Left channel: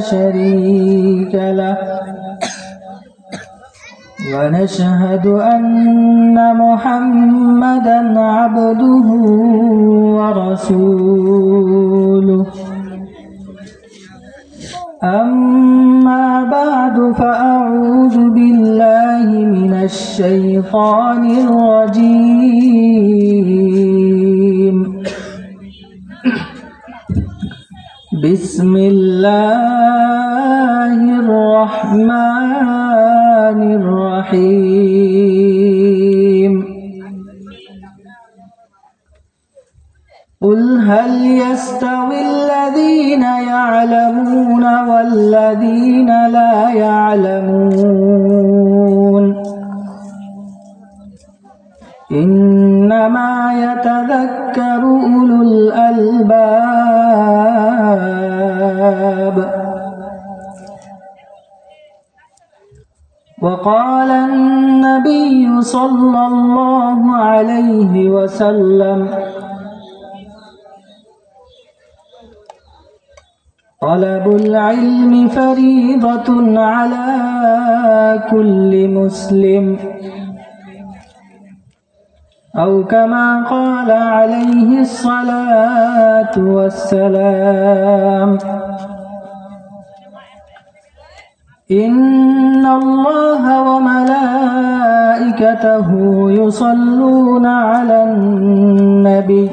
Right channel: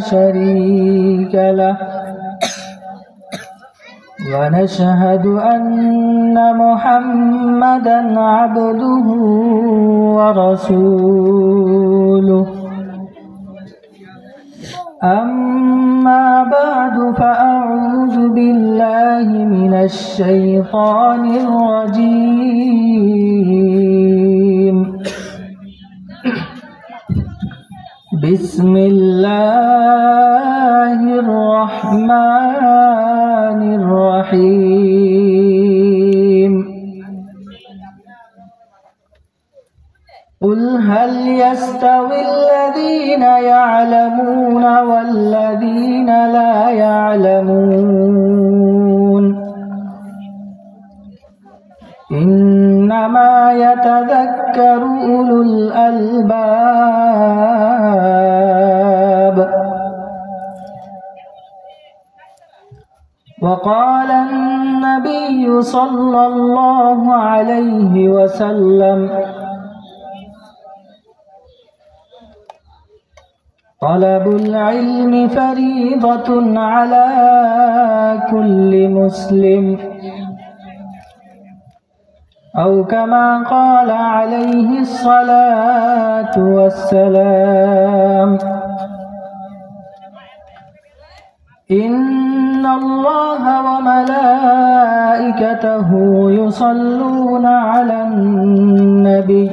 شريك له ونشهد أن محمدا عبده ورسوله أما بعد فأعوذ بالله من الشيطان الرجيم بسم الله الرحمن الرحيم قل هل يستوي الذين يعلمون والذين لا يعلمون إنما يتذكر أولو الألباب وقال النبي صلى الله عليه وسلم طلب العلم فريضة على كل مسلم أو كما قال عليه الصلاة والسلام إن الله وملائكته يصلون على النبي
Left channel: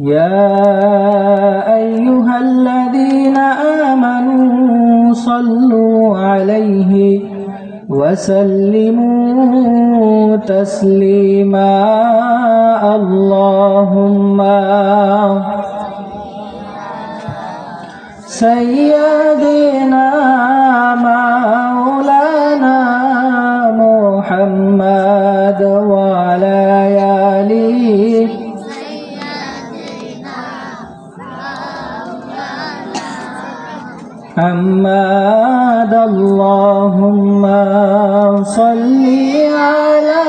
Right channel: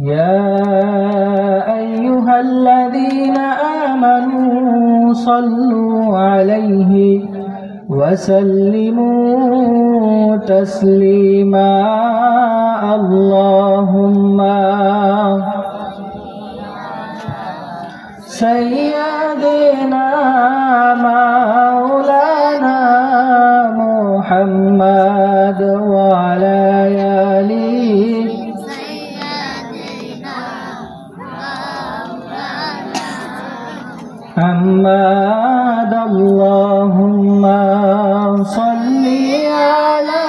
يا أيها الذين آمنوا صلوا عليه وسلموا تسليما اللهم سيدنا مولانا محمد وعلى آله محمد اللهم صل على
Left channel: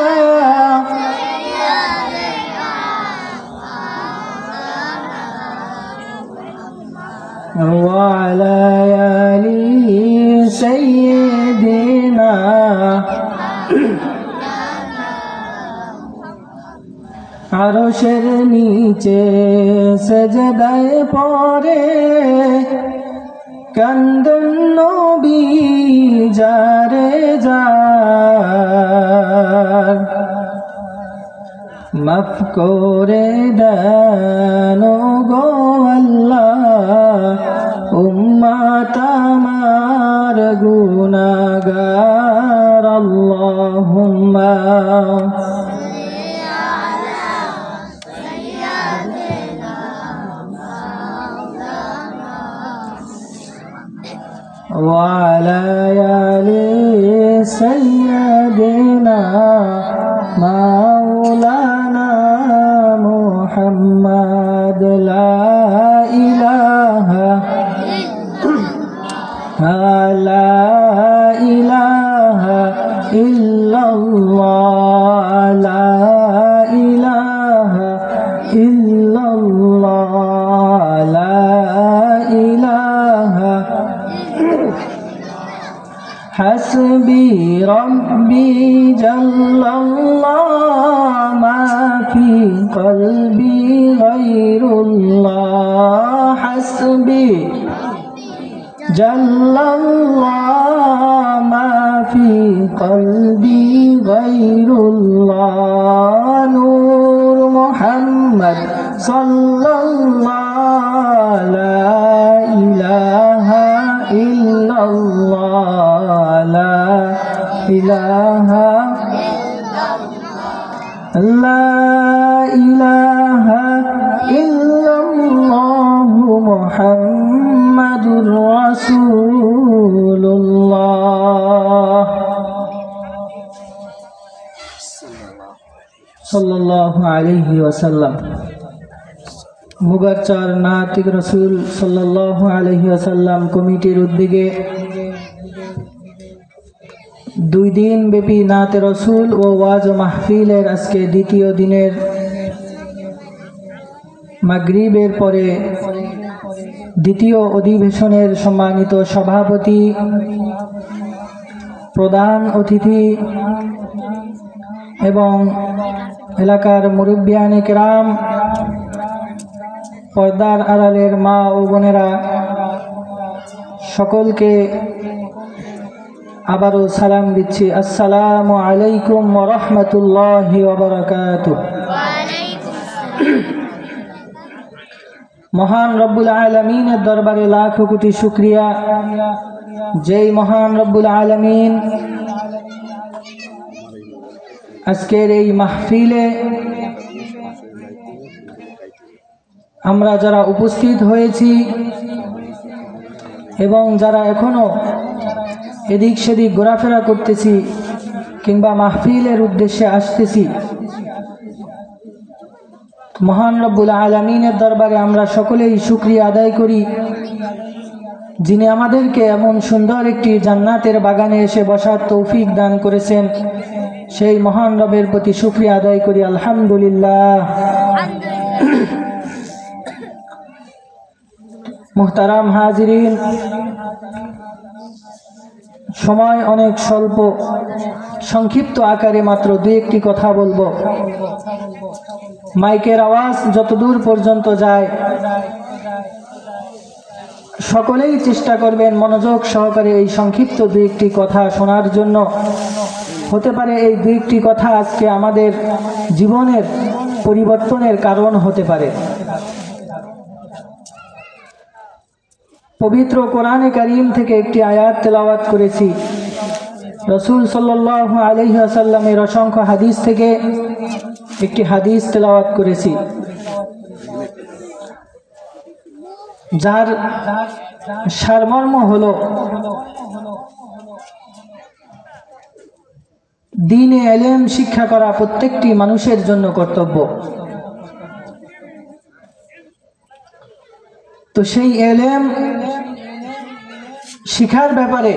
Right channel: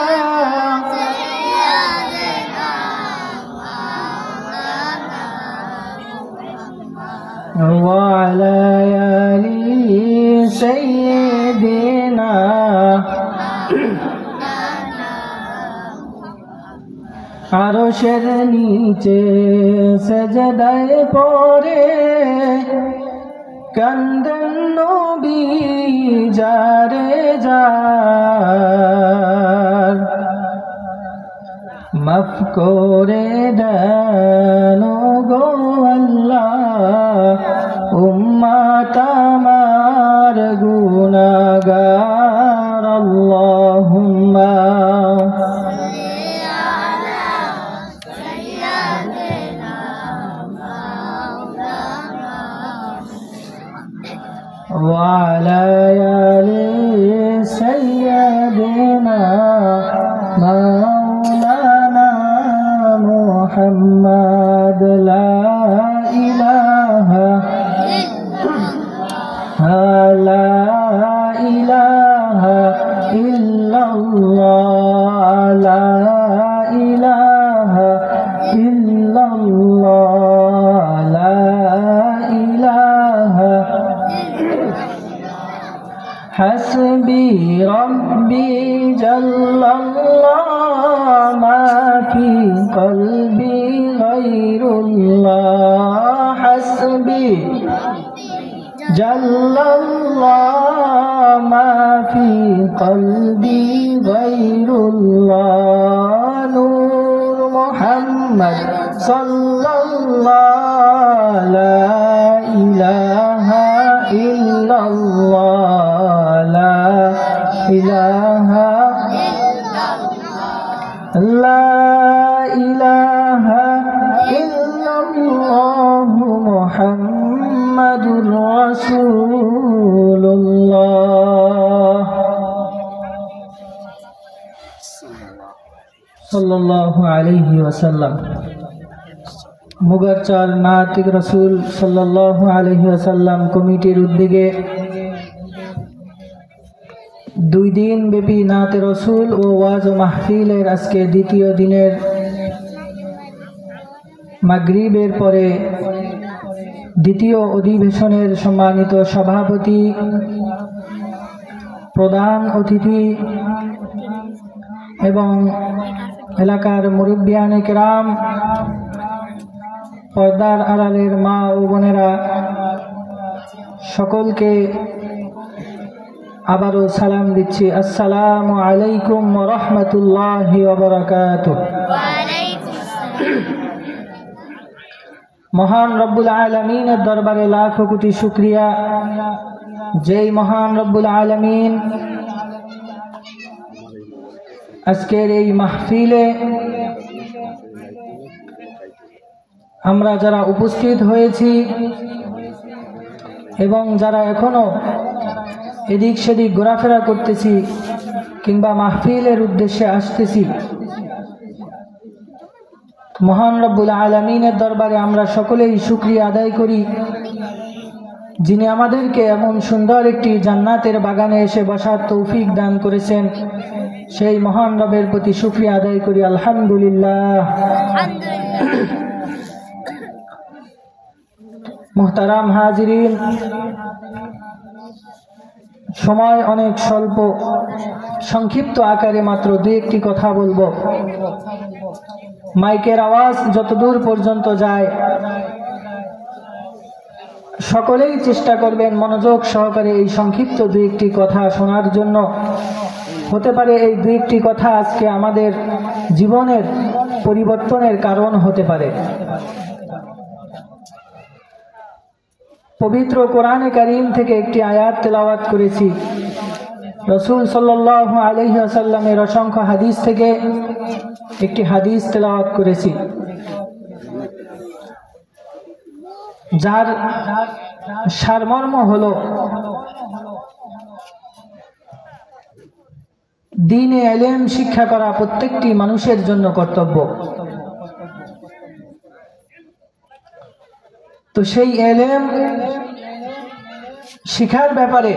وعلى آل سيدنا আরশের নিচে সেজদায় পড়ে কান্দেন নবী যারে যার মাফ করে দেন গো আল্লাহ উম্মত আমার গুনাহগার আল্লাহুম্মা وعلى آل سيدنا مولانا محمد لا إله إلا الله لا إله إلا الله لا إله حسبي ربي جل الله ما في قلبي غير الله حسبي جل الله ما في قلبي غير الله نور محمد صلى الله لا إله إلا الله لا إله لا إله إلا الله محمد رسول الله صلى الله عليه وسلم মুগারচার নাতিক রাসূল সাল্লাল্লাহু আলাইহি ওয়াসাল্লাম কমিটির উদ্যোগে 2 দিন ব্যাপী নাতে রাসূল ও ওয়াজ ও মাহফিলের আজকে দ্বিতীয় দিনের মাগরিবের পরে দ্বিতীয় অধিবেশনের সম্মানিত সভাপতি, প্রধান অতিথি এবং এলাকার মুরব্বিয়ানে কেরাম, পর্দার আড়ালের মা ও বোনেরা, সকলকে আবারও সালাম দিচ্ছি। আসসালামু আলাইকুম ওয়া রাহমাতুল্লাহি ওয়া বারাকাতুহু। মহান রব্বুল আলামিনের দরবারে লাখো কোটি শুকরিয়া, যেই মহান রব্বুল আলামিন আজকের এই মাহফিলে আমরা যারা উপস্থিত হয়েছি এবং যারা এখনো এদিক সেদিক ঘোরাফেরা করতেছি কিংবা মাহফিলের উদ্দেশ্যে আসতেছি, মহান রব্বুল আলামিনের দরবারে আমরা সকলেই শুকরিয়া আদায় করি, যিনি আমাদেরকে এমন সুন্দর একটি জান্নাতের বাগানে এসে বসার তৌফিক দান করেছেন। সেই মহান রবের প্রতি শুকরিয়া আদায় করি, আলহামদুলিল্লাহ। মুহতারাম হাজিরিন, সময় অনেক স্বল্প, সংক্ষিপ্ত আকারে মাত্র দুই একটি কথা বলবো। মাইকের আওয়াজ যতদূর পর্যন্ত যায় সকলেই চেষ্টা করবেন মনোযোগ সহকারে এই সংক্ষিপ্ত দুই একটি কথা শোনার জন্য। হতে পারে এই দুই একটি কথা আজকে আমাদের জীবনের পরিবর্তনের কারণ হতে পারে। পবিত্র কোরআনে কারীম থেকে একটি আয়াত তেলাওয়াত করেছি। রাসূল সাল্লাল্লাহু আলাইহি ওয়াসাল্লামের অসংখ্য হাদিস থেকে একটি হাদিস তেলাওয়াত করেছি, যার সারমর্ম হলো দ্বীনে ইলম শিক্ষা করা প্রত্যেকটি মানুষের জন্য কর্তব্য। তো সেই ইলম শিখার ব্যাপারে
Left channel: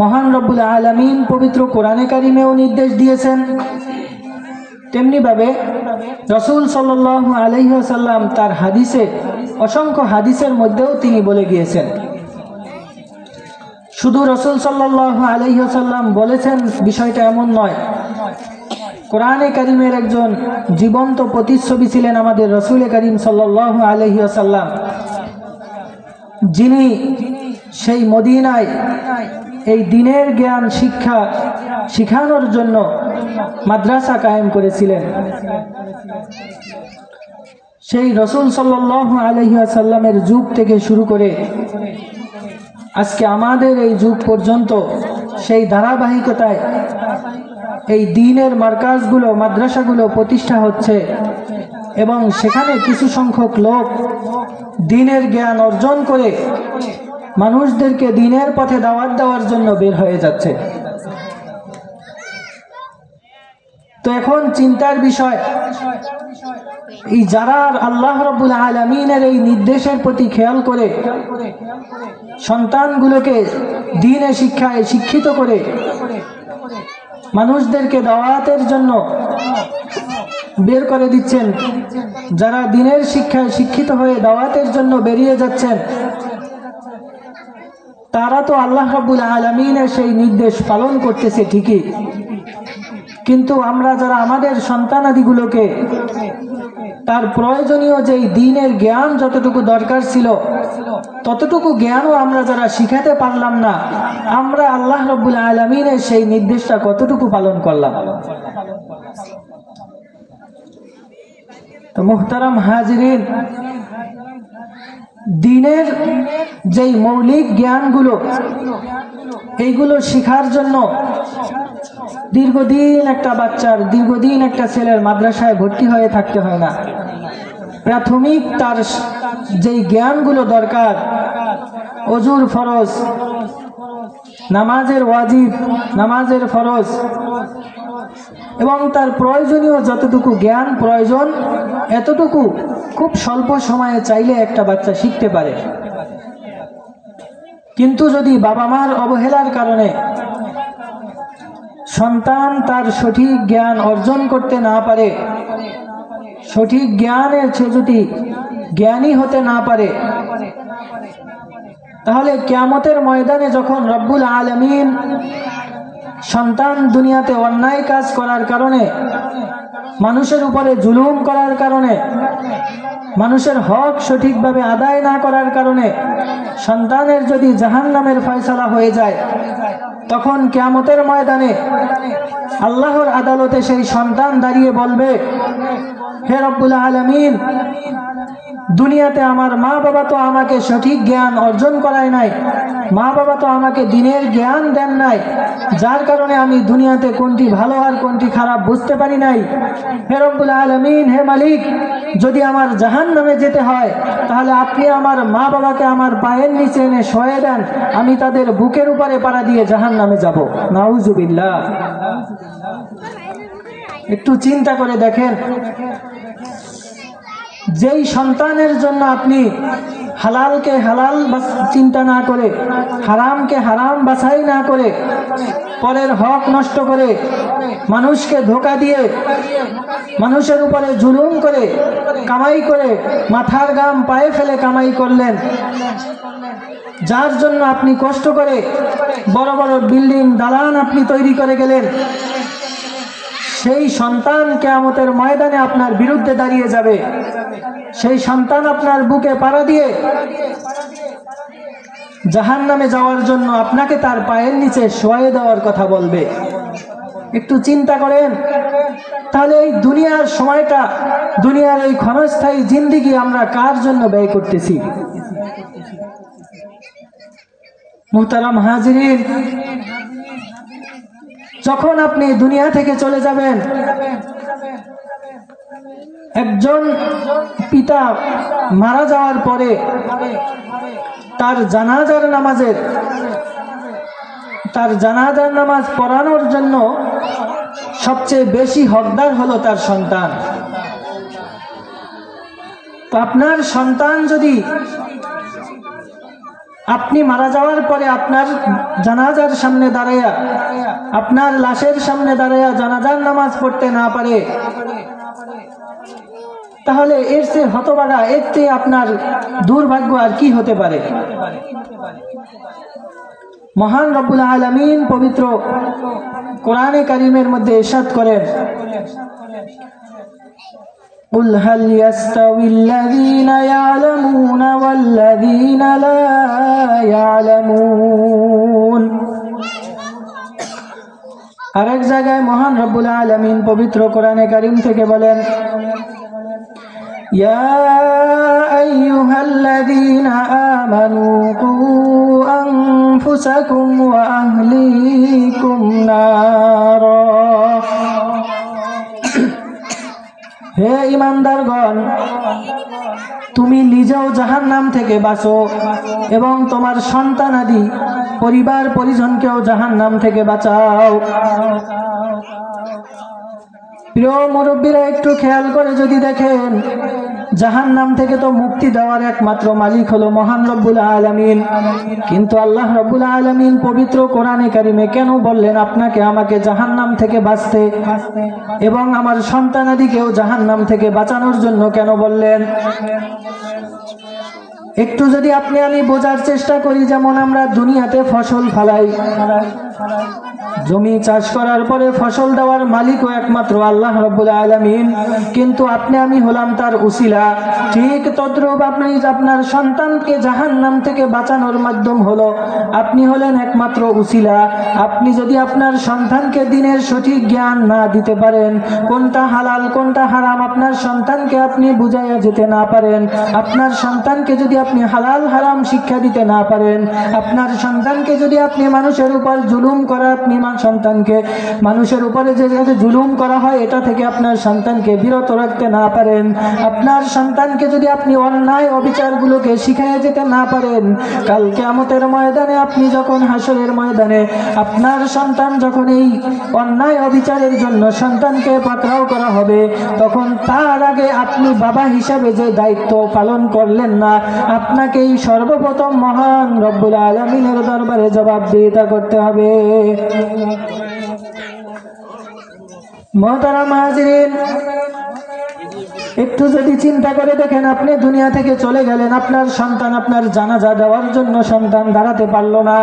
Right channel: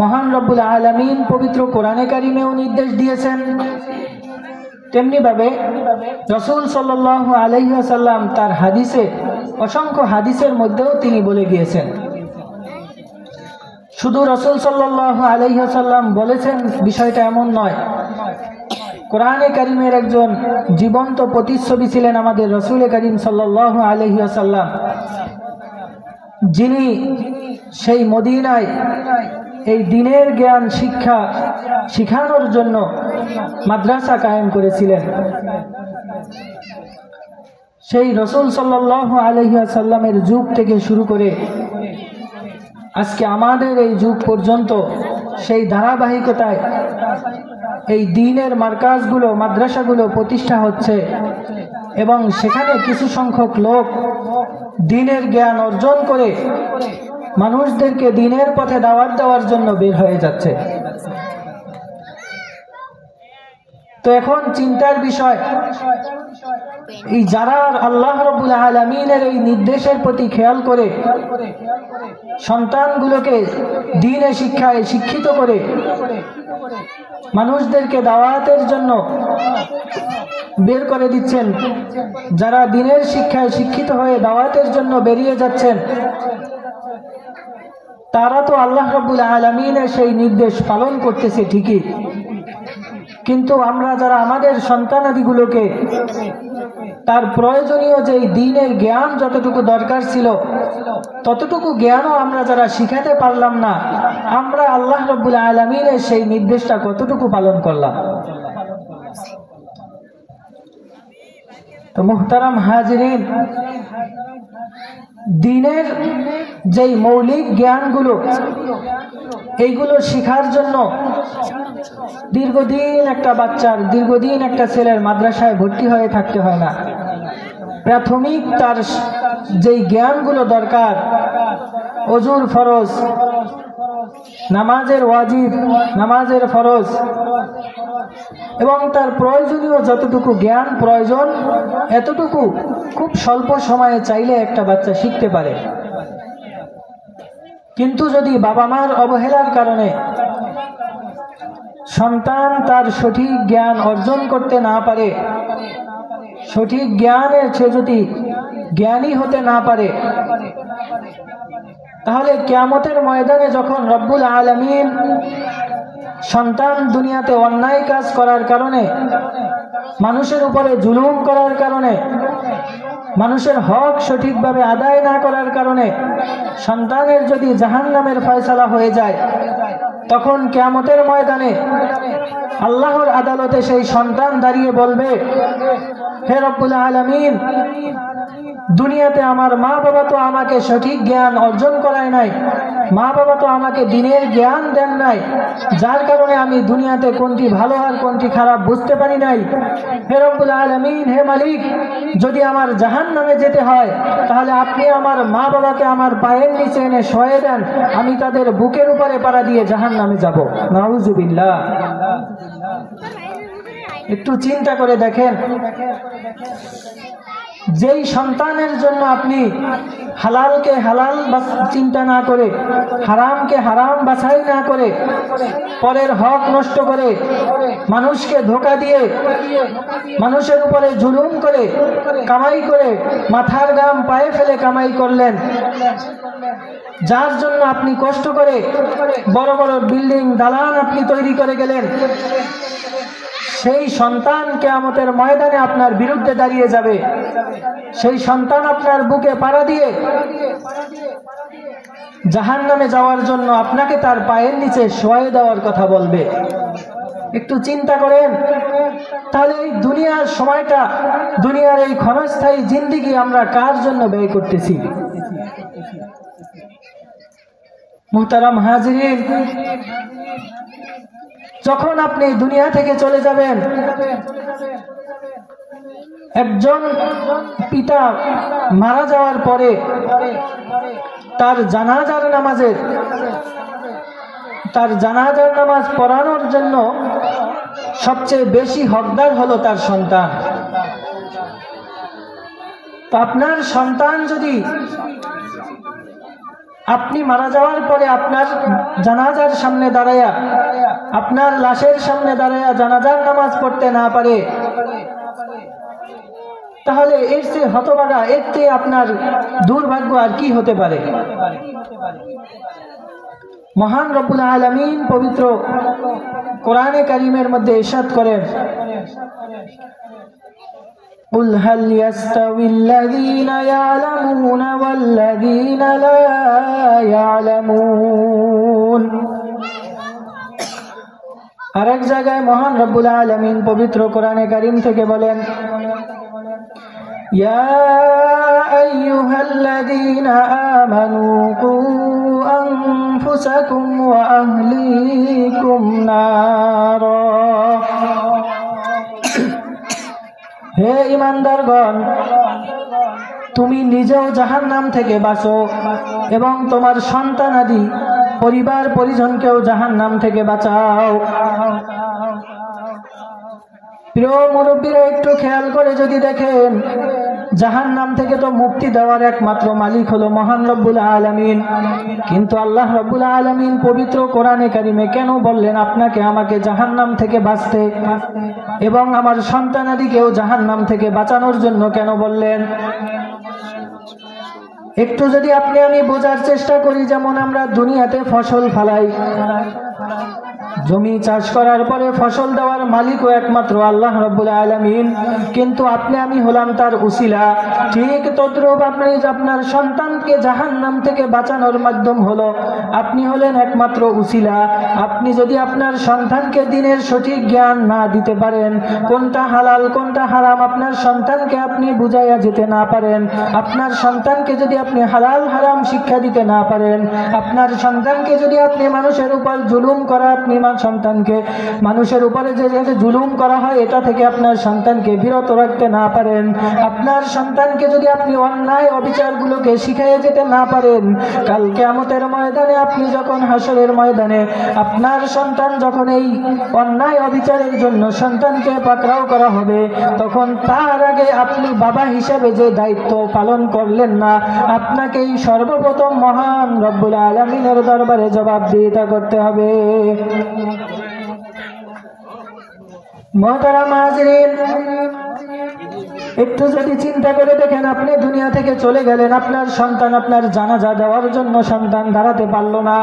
মহান রব্বুল আলামিন পবিত্র কোরআনে কারিমেও নির্দেশ দিয়েছেন, তেমনি ভাবে রাসূল সাল্লাল্লাহু আলাইহি ওয়াসাল্লাম তার হাদিসে, অসংখ্য হাদিসের মধ্যেও তিনি বলে গিয়েছেন। শুধু রাসূল সাল্লাল্লাহু আলাইহি ওয়াসাল্লাম বলেছেন বিষয়টা এমন নয়, কোরআনে কারিমের একজন জীবন্ত প্রতিচ্ছবি ছিলেন আমাদের রাসূল কারীম সাল্লাল্লাহু আলাইহি ওয়াসাল্লাম, যিনি সেই মদিনায় এই দ্বীনের জ্ঞান শিক্ষা শিখানোর জন্য মাদ্রাসা কায়েম করেছিলেন। সেই রাসূল সাল্লাল্লাহু আলাইহি ওয়াসাল্লামের যুগ থেকে শুরু করে আজকে আমাদের এই যুগ পর্যন্ত সেই ধারাবাহিকতায় এই দ্বীনের মার্কাজগুলো, মাদ্রাসাগুলো প্রতিষ্ঠা হচ্ছে এবং সেখানে কিছু সংখ্যক লোক দ্বীনের জ্ঞান অর্জন করে মানুষদেরকে দ্বীনের পথে দাওয়াত দেওয়ার জন্য বের হয়ে যাচ্ছে। তো এখন চিন্তার বিষয়, এই যারা আল্লাহ রাব্বুল আলামিনের এই নির্দেশের প্রতি খেয়াল করে সন্তানগুলোকে দ্বীনে শিক্ষায় শিক্ষিত করে মানুষদেরকে দাওয়াতের জন্য বের করে দিচ্ছেন, যারা দ্বীনের শিক্ষায় শিক্ষিত হয়ে দাওয়াতের জন্য বেরিয়ে যাচ্ছেন, তারা তো আল্লাহ রাব্বুল আলামিনের সেই নির্দেশ পালন করতেছে ঠিকই, কিন্তু আমরা যারা আমাদের সন্তানাদিগুলোকে তার প্রয়োজনীয় যেই দ্বীনের জ্ঞান যতটুকু দরকার ছিল ততটুকু জ্ঞানও আমরা যারা শিখাতে পারলাম না, আমরা আল্লাহ রাব্বুল আলামিনের সেই নির্দেশটা কতটুকু পালন করলাম? তো মুহতারাম হাজিরিন, দ্বীনের যেই মৌলিক জ্ঞানগুলো এইগুলো শিখার জন্য দীর্ঘদিন একটা বাচ্চার, দীর্ঘদিন একটা ছেলের মাদ্রাসায় ভর্তি হয়ে থাকতে হয় না। প্রাথমিক তার যেই জ্ঞানগুলো দরকার, ওযুর ফরজ, নামাজের ওয়াজিব, নামাজের ফরজ এবং তার প্রয়োজনীয় যতটুকু জ্ঞান প্রয়োজন এতটুকু খুব স্বল্প সময়ে চাইলে একটা বাচ্চা শিখতে পারে। কিন্তু যদি বাবা মার অবহেলার কারণে সন্তান তার সঠিক জ্ঞান অর্জন করতে না পারে, সঠিক জ্ঞানের সে যদি জ্ঞানী হতে না পারে, তাহলে কিয়ামতের ময়দানে যখন রব্বুল আলামিন সন্তান দুনিয়াতে অন্যায় কাজ করার কারণে, মানুষের উপরে জুলুম করার কারণে, মানুষের হক সঠিকভাবে আদায় না করার কারণে সন্তানের যদি জাহান্নামের ফয়সালা হয়ে যায়, তখন কিয়ামতের ময়দানে আল্লাহর আদালতে সেই সন্তান দাঁড়িয়ে বলবে, হে রব্বুল আলামিন, দুনিয়াতে আমার মা বাবা তো আমাকে সঠিক জ্ঞান অর্জন করায় নাই, মা বাবা তো আমাকে দ্বীনের জ্ঞান দেন নাই, যার কারণে আমি দুনিয়াতে কোনটি ভালো আর কোনটি খারাপ বুঝতে পারি নাই। হে রব্বুল আলামিন, হে মালিক, যদি আমার জাহান্নামে যেতে হয় তাহলে আপনি আমার মা বাবাকে আমার পায়ের নিচে এনে শোয়ে দেন, আমি তাদের বুকের উপরে পাড়া দিয়ে জাহান্নামে যাব। নাউজুবিল্লাহ। একটু চিন্তা করে দেখেন, যেই সন্তানের জন্য আপনি হালালকে হালাল চিন্তা না করে, হারামকে হারাম বাছাই না করে, পরের হক নষ্ট করে, মানুষকে ধোঁকা দিয়ে, মানুষের উপরে জুলুম করে, কামাই করে, মাথার ঘাম পায়ে ফেলে কামাই করলেন, যার জন্য আপনি কষ্ট করে বড় বড় বিল্ডিং দালান আপনি তৈরি করে গেলেন, সেই সন্তান কিয়ামতের ময়দানে আপনার বিরুদ্ধে দাঁড়িয়ে যাবে। সেই সন্তান আপনার বুকে পাড়া দিয়ে জাহান্নামে যাওয়ার জন্য আপনাকে তার পায়ের নিচে শোয়ায়ে দেওয়ার কথা বলবে। একটু চিন্তা করেন, তাহলে এই দুনিয়ার সময়টা, দুনিয়ার এই ক্ষণস্থায়ী জিন্দেগি আমরা কার জন্য ব্যয় করতেছি? মুহতারাম হাজিরিন, যখন আপনি দুনিয়া থেকে চলে যাবেন, একজন পিতা মারা যাওয়ার পরে তার জানাজার নামাজ পড়ানোর জন্য সবচেয়ে বেশি হকদার হলো তার সন্তান। তো আপনার সন্তান যদি আপনি মারা যাওয়ার পরে আপনার জানাজার সামনে দাঁড়ায়া, আপনার লাশের সামনে দাঁড়ায়া জানাজার নামাজ পড়তে না পারে, তাহলে এর চেয়ে হতভাগা, এর চেয়ে আপনার দুর্ভাগ্য আর কি হতে পারে? মহান রব্বুল আলামিন পবিত্র কোরআনে কারীমের মধ্যে ইরশাদ করেন, قُلْ هَلْ يَسْتَوِي الَّذِينَ يَعْلَمُونَ وَالَّذِينَ لَا يَعْلَمُونَ। আরেক জায়গায় মহান রব্বুল আলামিন পবিত্র কোরআনে কারীম থেকে বলেন, ইয়া আইয়ুহাল্লাযীনা আমানু কু আনফুসাকুম ওয়া আহলিকুম নারা। হে ঈমানদারগণ, তুমি নিজেও জাহান্নাম থেকে বাঁচো এবং তোমার সন্তানাদি পরিবার পরিজনকেও জাহান্নাম থেকে বাঁচাও। প্রিয় মুরব্বীরা, একটু খেয়াল করে যদি দেখেন, জাহান্নাম থেকে তো মুক্তি দেওয়ার একমাত্র মালিক হলো মহান রব্বুল আলামিন। কিন্তু আল্লাহ রব্বুল আলামিন পবিত্র কোরআনে কারিমে কেন বললেন আপনাকে আমাকে জাহান্নাম থেকে বাঁচতে এবং আমার সন্তানাদিকেও জাহান্নাম থেকে বাঁচানোর জন্য কেন বললেন? একটু যদি আপনি আমি বোঝার চেষ্টা করি, যেমন আমরা দুনিয়াতে ফসল ফলাই, জমি চাষ করার পরে ফসল দেওয়ার মালিকও একমাত্র আল্লাহ রাব্বুল আলামিন, কিন্তু আপনি আমি হলাম তার উসিলা। ঠিক তদ্রূপ আপনি আপনার সন্তানকে জাহান্নাম থেকে বাঁচানোর মাধ্যম হলো আপনি হলেন একমাত্র উসিলা। আপনি যদি আপনার সন্তানকে দ্বীনের সঠিক জ্ঞান না দিতে পারেন, কোনটা হালাল কোনটা হারাম আপনার সন্তানকে আপনি বুঝাইয়া যেতে না পারেন, আপনার সন্তানকে যদি আপনি হালাল হারাম শিক্ষা দিতে না পারেন, আপনার সন্তানকে যদি আপনি মানুষের উপর জুলুম করা, আপনি সন্তানকে মানুষের উপরে যে জুলুম করা হয় এটা থেকে আপনার সন্তানকে বিরত রাখতে না পারেন, আপনার সন্তানকে যদি আপনি অন্যায় অবিচারগুলোকে শিখিয়ে যেতে না পারেন, কাল কিয়ামতের ময়দানে আপনি যখন হাসরের ময়দানে আপনার সন্তান যখন এই অন্যায় অবিচারের জন্য সন্তানকে পাকড়াও করা হবে, তখন তার আগে আপনি বাবা হিসেবে যে দায়িত্ব পালন করলেন না, আপনাকেই সর্বপ্রথম মহান রব্বুল আলামিনের দরবারে জবাবদিহিতা করতে হবে। মুহতারাম হাজিরিন, একটু যদি চিন্তা করে দেখেন, আপনি দুনিয়া থেকে চলে গেলেন, আপনার সন্তান আপনার জানাজা দেওয়ার জন্য সন্তান দাঁড়াতে পারল না।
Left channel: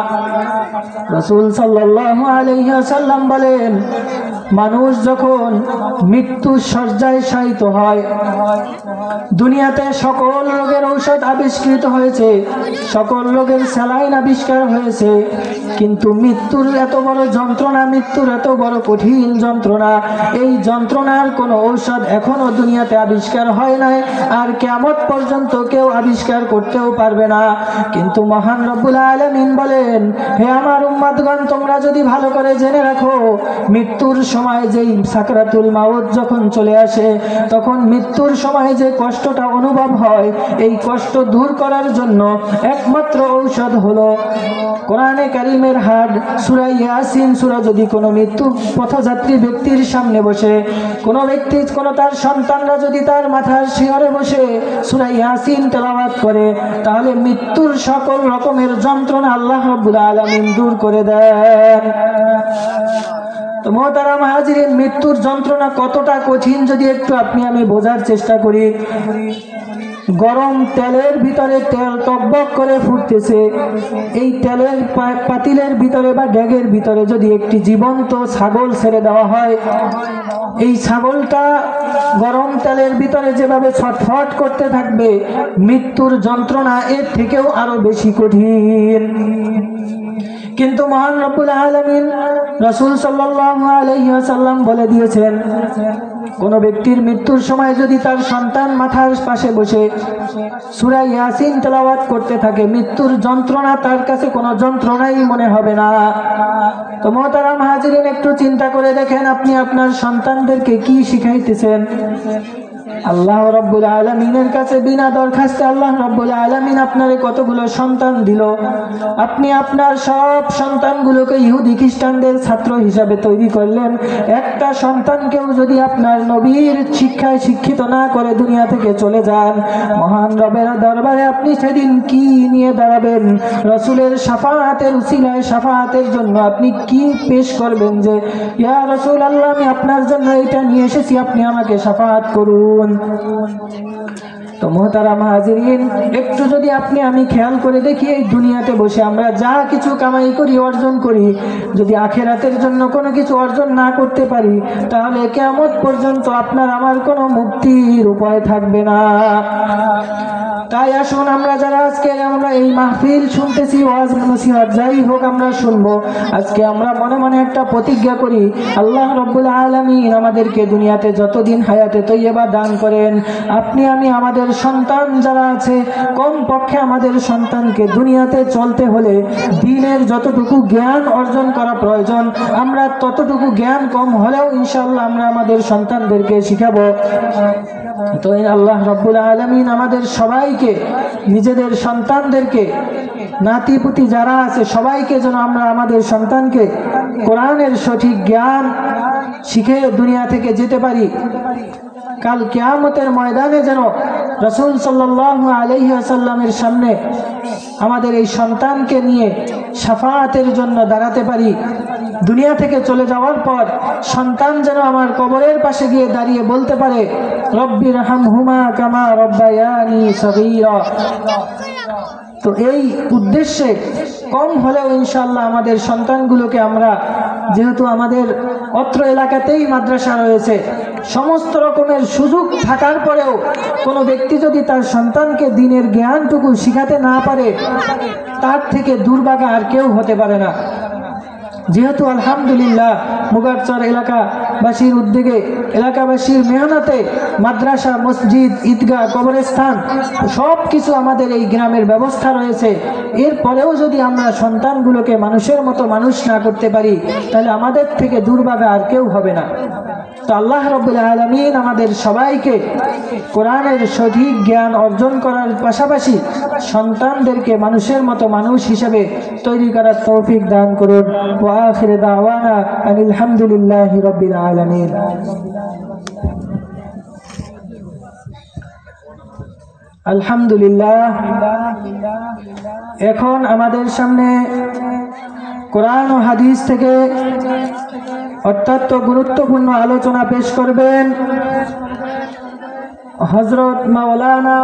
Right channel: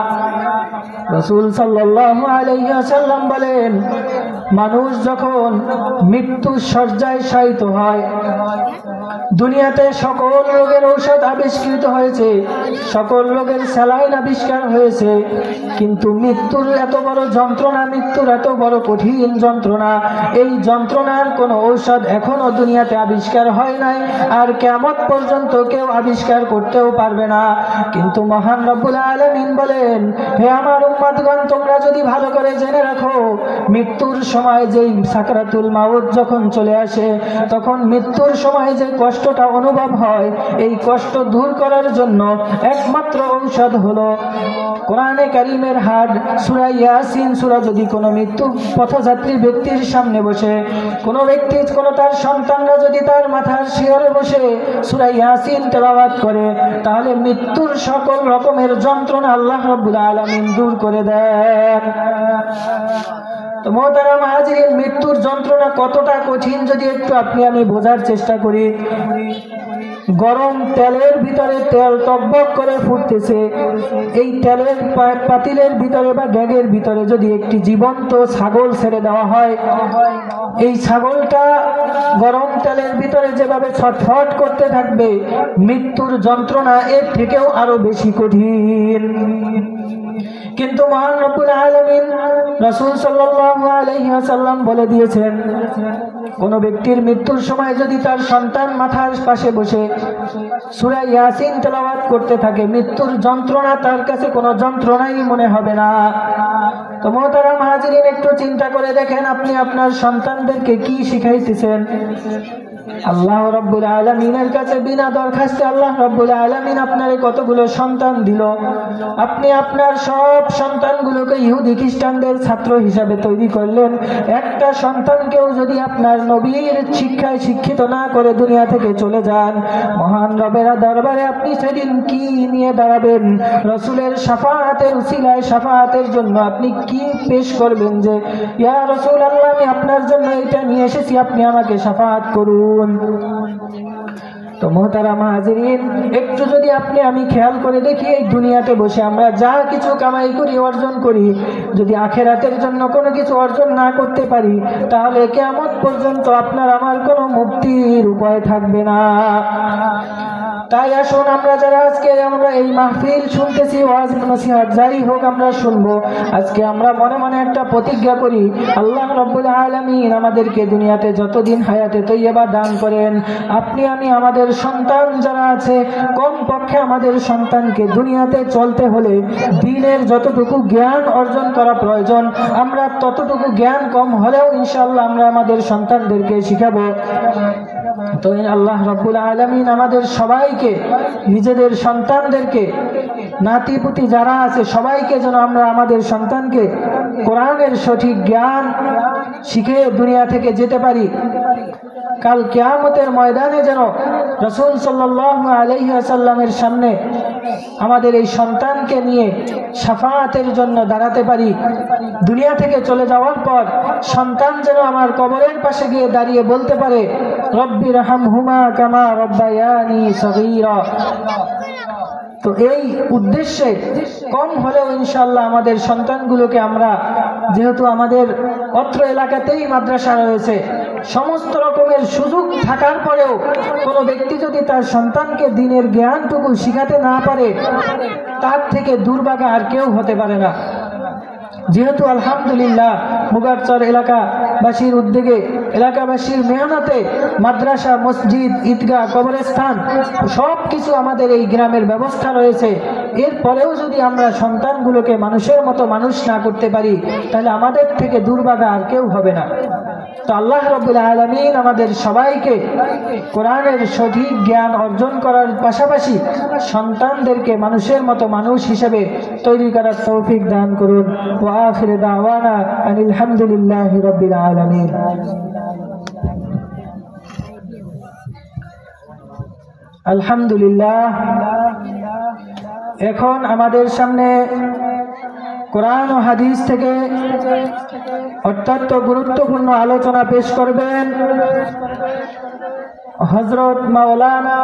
রাসূল সাল্লাল্লাহু আলাইহি ওয়াসাল্লাম বলেন, মানুষ যখন মৃত্যুর শয্যায় শায়িত হয়, দুনিয়াতে সকল রোগের ঔষধ আবিষ্কৃত হয়েছে, সকল রোগের স্যালাইন আবিষ্কার হয়েছে, কিন্তু মৃত্যুর এত বড় যন্ত্রণা, মৃত্যুর এত বড় কঠিন যন্ত্রণা, এই যন্ত্রণার কোনো ঔষধ এখনো দুনিয়াতে আবিষ্কার হয় নাই, আর কিয়ামত পর্যন্ত কেউ আবিষ্কার করতেও পারবে না। কিন্তু মহান রব্বুল আলামিন বলেন, হে আমার উম্মতগণ, তোমরা যদি ভালো করে জেনে রাখো, মৃত্যুর সময় যেই সাকরাতুল মাউত যখন চলে আসে, তখন মৃত্যুর সময় যে কষ্টটা অনুভব হয়, এই কষ্ট দূর করার জন্য একমাত্র ঔষধ হলো কোরআনে কারিমের হাট সূরা ইয়াসিন সূরা। যদি কোনো মৃত্যু পথযাত্রী ব্যক্তির সামনে বসে, কোনো ব্যক্তি, কোনো তার সন্তানরা যদি তার মাথার শিয়রে বসে সূরা ইয়াসিন তেলাওয়াত করে, তাহলে মৃত্যুর সকল রকমের যন্ত্রণা আল্লাহ রাব্বুল আলামিন দূর করে দেন। তো মোহতারাম হাজিরিন, মৃত্যুর যন্ত্রণা কতটা কঠিন যদি একটু আপনি আমি বোঝার চেষ্টা করি। গরম তেলের ভিতরে তেল টকবক করে ফুটতেছে, এই তেলের পাতিলের ভিতরে বা ড্যাগের ভিতরে যদি একটি জীবন্ত ছাগল ছেড়ে দেওয়া হয়, এই ছাগলটা গরম তেলের ভিতরে যেভাবে ছটফট করতে থাকবে, মৃত্যুর যন্ত্রণা এর থেকেও আরো বেশি কঠিন। কিন্তু মহান রব্বুল আলামিন রাসূল সাল্লাল্লাহু আলাইহি ওয়াসাল্লাম বলে দিয়েছেন, কোন ব্যক্তির মৃত্যুর সময় যদি তার সন্তান মাথার পাশে বসে সূরা ইয়াসিন তেলাওয়াত করতে থাকে, মৃত্যুর যন্ত্রণা তার কাছে কোনো যন্ত্রণাই মনে হবে না। তো মোহতারাম হাজিরিন, একটু চিন্তা করে দেখেন, আপনি আপনার সন্তানদেরকে কি শিখাইতেছেন। আল্লাহ রাব্বুল আলামিনের কাছে বিনা দরখাস্তে আল্লাহ রাব্বুল আলামিন আপনারে কতগুলো সন্তান দিল। আপনি আপনার সব সন্তানগুলোকে ইহুদি খ্রিস্টানদের ছাত্র হিসাবে তৈরি করলেন। একটা সন্তানকেও যদি আপনার নবীর শিক্ষায় শিক্ষিত না করে দুনিয়া থেকে চলে যান, মহান রবের দরবারে আপনি সেদিন কি নিয়ে দাঁড়াবেন? রাসূলের শাফাআতের উসিলায় শাফাআতের জন্য আপনি কি পেশ করবেন যে, ইয়া রাসূলুল্লাহ, আমি আপনার জন্য এটা নিয়ে এসেছি, আপনি আমাকে শাফাআত করুন। তো মোহতারাম হাজিরিন, একটু যদি আপনি আমি খেয়াল করে দেখি, এই দুনিয়াতে বসে আমরা যা কিছু কামাই করি, অর্জন করি, যদি আখেরাতের জন্য কোনো কিছু অর্জন না করতে পারি, তাহলে কিয়ামত পর্যন্ত আপনার আমার কোনো মুক্তির উপায় থাকবে না। তাই আসুন, আমরা যারা আজকে আমরা এই মাহফিল শুনতেছি, ওয়াজ নসিহত যাই হোক আমরা শুনবো, আজকে আমরা মনে মনে একটা প্রতিজ্ঞা করি, আল্লাহ রাব্বুল আলামিন আমাদেরকে দুনিয়াতে যতদিন হায়াতে তৈয়বা দান করেন, আপনি আমি আমাদের সন্তান যারা আছে, কম পক্ষে আমাদের সন্তানকে দুনিয়াতে চলতে হলে দ্বীনের যতটুকু জ্ঞান অর্জন করা প্রয়োজন, আমরা ততটুকু জ্ঞান কম হলেও ইনশাআল্লাহ আমরা আমাদের সন্তানদেরকে শিখাবো। তো আল্লাহ রাব্বুল আলামিন আমাদের সবাইকে, নিজেদের সন্তানদেরকে, নাতিপুতি যারা আছে সবাইকে যেন আমরা আমাদের সন্তানকে কোরআনের সঠিক জ্ঞান শিখে দুনিয়া থেকে যেতে পারি। কাল কিয়ামতের ময়দানে যেন রাসূল সাল্লাল্লাহু আলাইহি ওয়াসাল্লামের সামনে আমাদের এই সন্তানকে নিয়ে শাফাআতের জন্য দাঁড়াতে পারি। দুনিয়া থেকে চলে যাওয়ার পর সন্তান যেন আমার কবরের পাশে গিয়ে দাঁড়িয়ে বলতে পারে, রব্বি রহমহুমা কামা রব্বায়ানি সগীরা। তো এই উদ্দেশ্যে কম হলেও ইনশাআল্লাহ আমাদের সন্তানগুলোকে আমরা, যেহেতু আমাদের অত্র এলাকাতেই মাদ্রাসা রয়েছে, সমস্ত রকমের সুযোগ থাকার পরেও কোনো ব্যক্তি যদি তার সন্তানকে দ্বীনের জ্ঞানটুকু শিখাতে না পারে, তার থেকে দুর্ভাগা আর কেউ হতে পারে না। যেহেতু আলহামদুলিল্লাহ মুগারচর এলাকাবাসীর উদ্যোগে, এলাকাবাসীর মেহনতে মাদ্রাসা, মসজিদ, ঈদগাহ, কবরস্থান সব কিছু আমাদের এই গ্রামের ব্যবস্থা রয়েছে, এরপরেও যদি আমরা সন্তানগুলোকে মানুষের মতো মানুষ না করতে পারি, তাহলে আমাদের থেকে দুর্ভাগা আর কেউ হবে না। তো আল্লাহ রাব্বুল আলামিন আমাদের সবাইকে কোরআনের সঠিক জ্ঞান অর্জন করার পাশাপাশি সন্তানদেরকে মানুষের মতো মানুষ হিসেবে তৈরি করার তৌফিক দান করুন। ওয়া আখিরু দাওয়ানা আনিল হামদুলিল্লাহি রাব্বিল আলামিন। আলহামদুলিল্লাহ। এখন আমাদের সামনে কোরআন ও হাদিস থেকে অত্যন্ত গুরুত্বপূর্ণ আলোচনা পেশ করবেন হযরত মাওলানা